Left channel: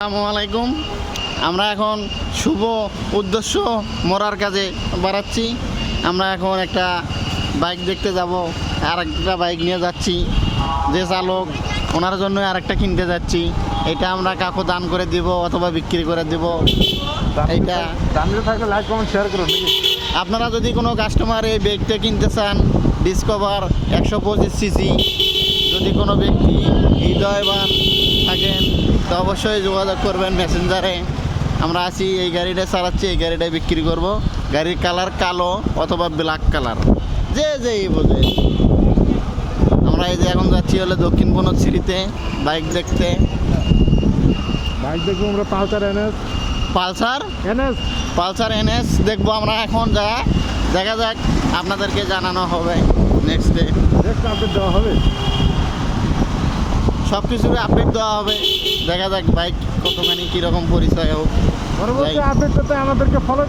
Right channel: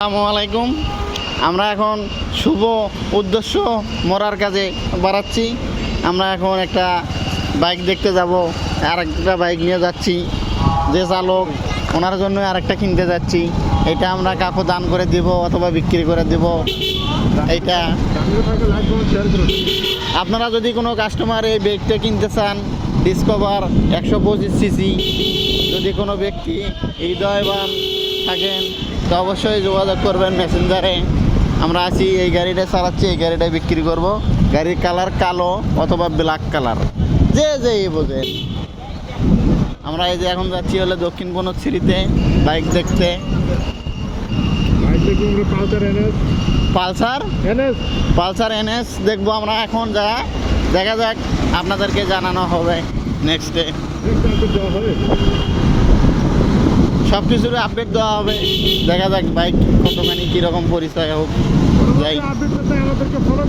আসসালামু আলাইকুম। আমরা এখন শুভ উদ্দেশ্য মরার কাজে বাড়াচ্ছি। আমরা এখন একটা বাইক দেখতে যাব, আর একটা বাইক নিয়ে যাচ্ছি। যে চালক ওনার জন্য আরেকটা কিনতে যাচ্ছি। এটা আমরা কাকু দান করে দিব অথবা বিক্রি করে দিব। এইটা আপনারা যদি কোনো কাস্টমার এই বাইকটা কিনতে চান, ডিসকভার 125cc, যদি কোনো ব্যক্তি হৃদয়বান থাকেন তো অবশ্যই যোগাযোগ করবেন মেসেঞ্জারে। আমরা আছি, এই গাড়িটা চালাচ্ছি, এই গাড়িটা বিক্রি করব। গাড়ির কালার কালো অথবা ব্ল্যাক কালার, যে বোঝে। আমরা এই যে এখন যাচ্ছি হলে দক্ষিণ বনশ্রীতে বাইক দেখতে। বাইক দেখবো আমরা পালসার এনএস দেখবো আমরা এখন। দেখা যাক, আপনাদেরকে জানানো হবে নেক্সট ডে। দেওয়া হবে, সব কিছুর আপডেট দেওয়া হবে। দেখা যাক বাইক কতখানি কীরকম পরিচয় হোক। আপডেট করতে আমাদেরকে ফলো